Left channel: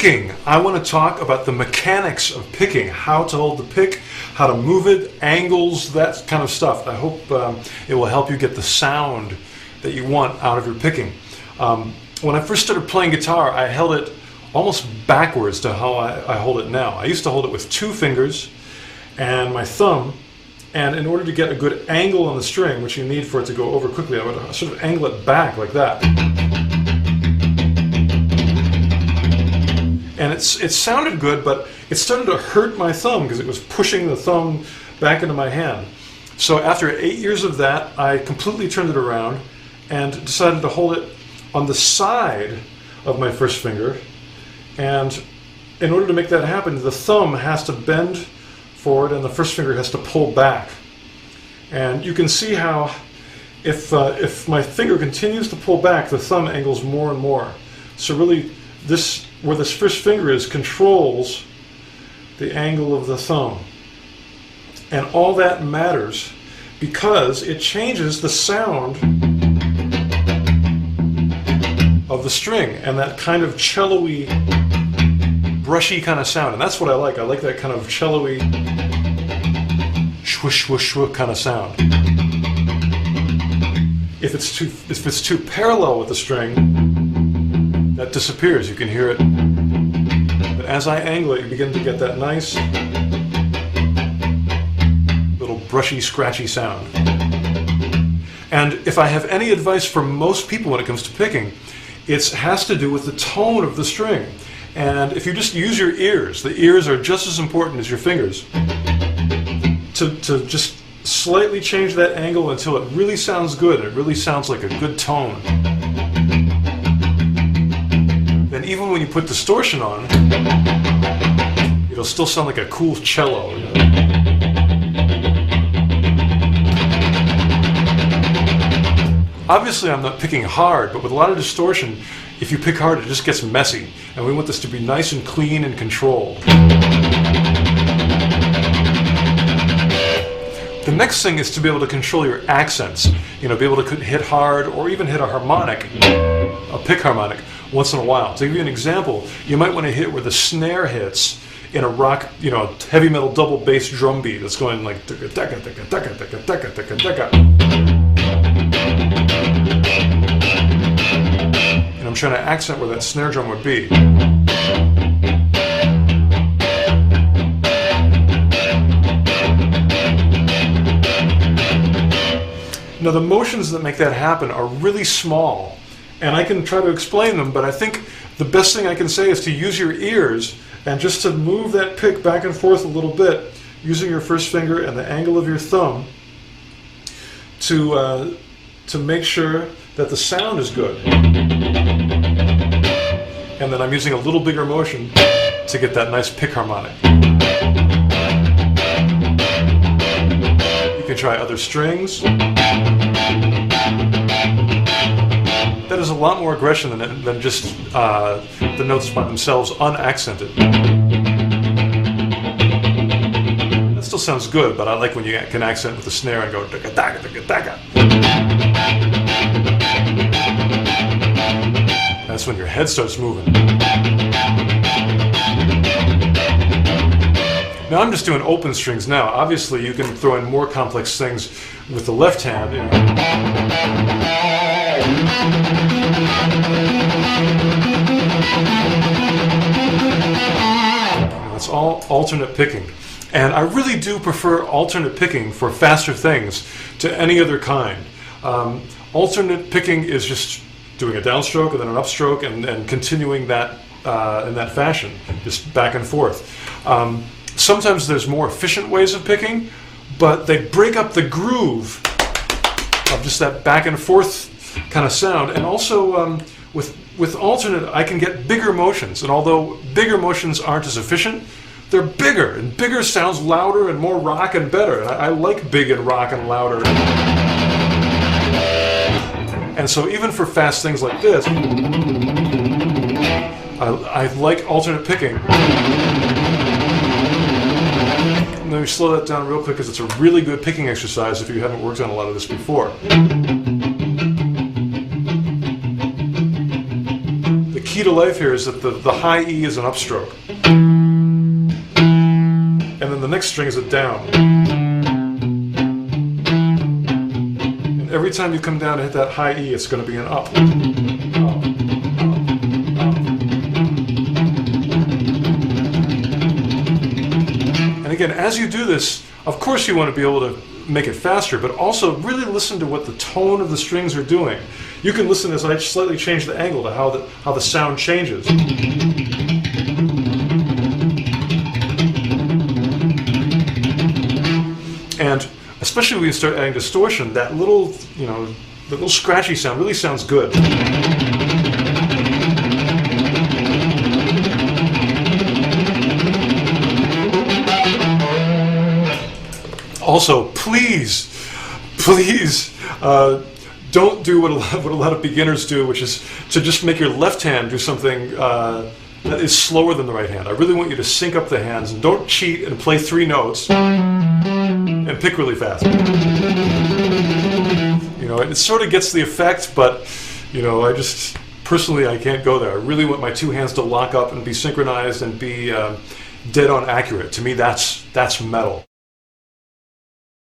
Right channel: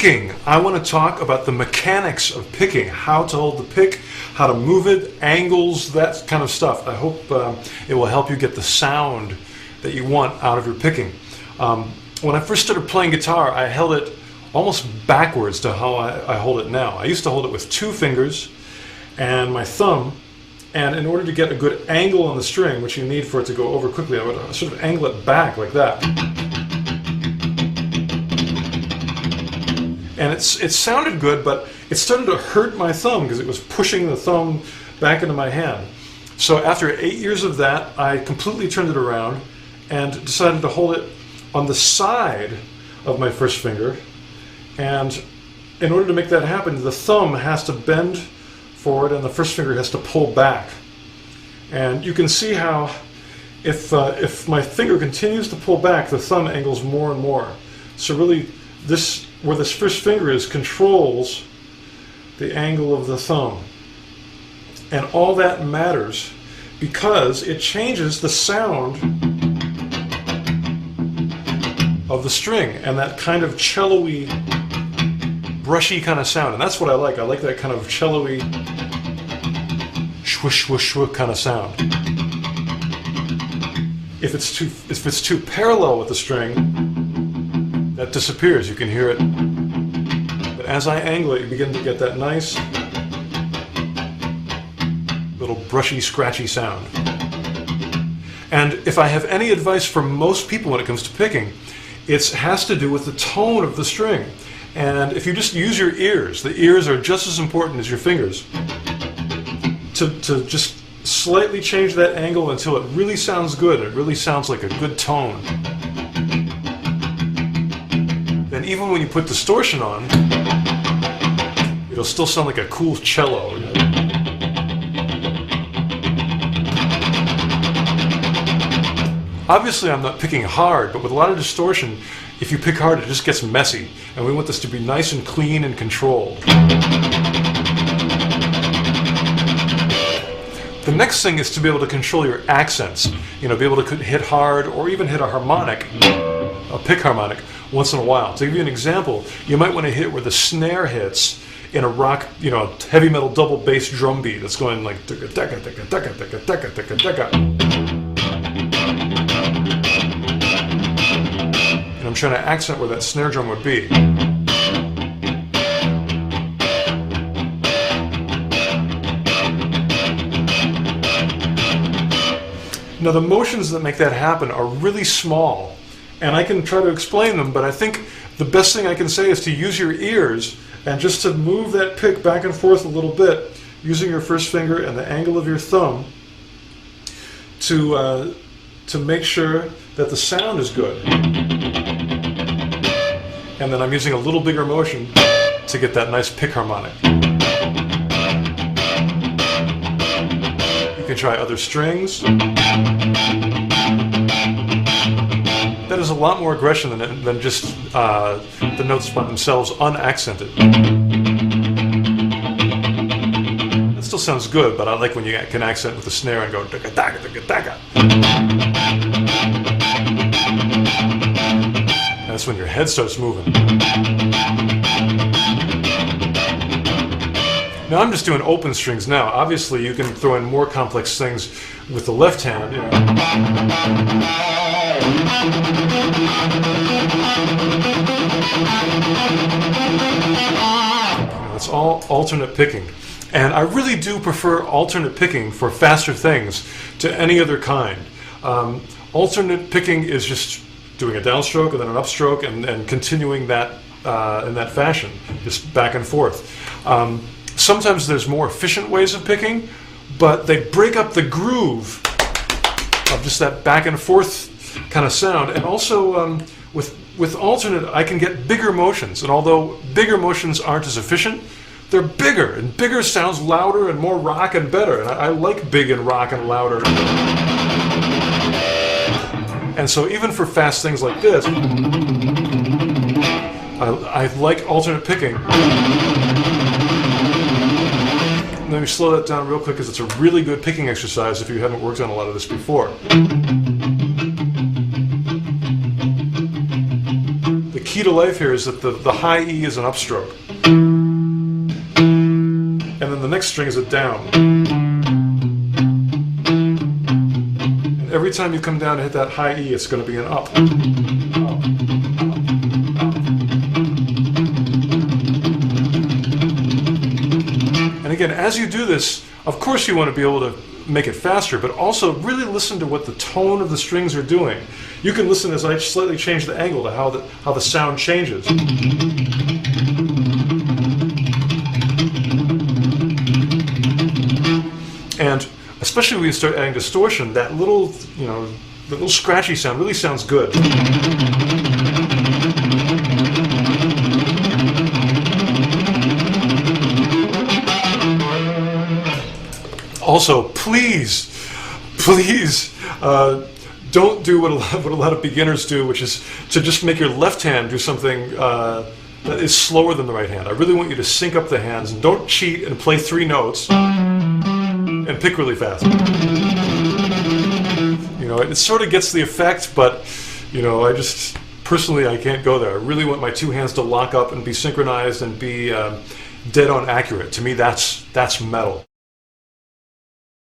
picking. I want to talk about the mechanics of picking, how to hold the pick, how to move it, angles, that kind of stuff. I hope it will help you get the sound that you want out of your picking. When I first started playing guitar, I held it almost backwards to how I hold it now. I used to hold it with 2 fingers and my thumb, and in order to get a good angle on the string, which you need for it to go over quickly, I would sort of angle it back like that. And it sounded good, but it started to hurt my thumb because it was pushing the thumb back into my hand. So after 8 years of that, I completely turned it around and decided to hold it on the side of my first finger. And in order to make that happen, the thumb has to bend forward and the first finger has to pull back. And you can see how if my finger continues to pull back, the thumb angles more and more. So really, where this first finger is controls the angle of the thumb. And all that matters because it changes the sound of the string and that kind of cello-y, brushy kind of sound. And that's what I like. I like that kind of cello-y, swoosh, swoosh, swoosh kind of sound. If it's too parallel with the string, that disappears. You can hear it. But as I angle it, you begin to get that nice little brushy, scratchy sound. And if I have any advice for most people when it comes to picking, it has to do with the tone of the string. And if you just use your ears, the ears are just as important as your fingers, to just slightly change that angle until it really sounds good. It really sounds like a good tone. Then even when you put distortion on, it'll still sound like a cool cello. You know? Obviously I'm not picking hard, but with a lot of distortion, if you pick hard it just gets messy. And we want this to be nice and clean and controlled. The next thing is to be able to control your accents. You know, be able to hit hard or even hit a harmonic, a pick harmonic, once in a while. To give you an example, you might want to hit where the snare hits in a rock, you know, heavy metal double bass drum beat that's going like ticka ticka ticka ticka ticka ticka ticka ticka. And I'm trying to accent where that snare drum would be. Now the motions that make that happen are really small, and I can try to explain them, but I think the best thing I can say is to use your ears and just to move that pick back and forth a little bit using your first finger and the angle of your thumb to make sure that the sound is good. And then I'm using a little bigger motion to get that nice pick harmonic. You can try other strings. That is a lot more aggression than just the notes by themselves unaccented. That still sounds good, but I like when you can accent with the snare and go ticka ticka ticka ticka. That's when your head starts moving. Now I'm just doing open strings now. Obviously you can throw in more complex things with the left hand. You know. It's all alternate picking. And I really do prefer alternate picking for faster things to any other kind. Alternate picking is just doing a downstroke and then an upstroke and continuing that in that fashion, just back and forth. Sometimes there's more efficient ways of picking, but they break up the groove of just that back and forth kind of sound. And also with alternate, I can get bigger motions. And although bigger motions aren't as efficient, they're bigger. And bigger sounds louder and more rock and better. And I like big and rock and louder. And so even for fast things like this, I like alternate picking. Let me slow that down real quick because it's a really good picking exercise if you haven't worked on a lot of this before. The key to life here is that the high E is an upstroke. And then the next string is a down. And every time you come down to hit that high E, it's going to be an up. And again, as you do this, of course you want to be able to make it faster, but also really listen to what the tone of the strings are doing. You can listen as I slightly change the angle to how the sound changes. And especially when you start adding distortion, that little, the little scratchy sound really sounds good. Also, please, don't do what a lot of beginners do, which is to just make your left hand do something that is slower than the right hand. I really want you to sync up the hands, and don't cheat and play 3 notes and pick really fast. It sort of gets the effect, but I just personally I can't go there. I really want my 2 hands to lock up and be synchronized and be dead on accurate. To me, that's metal.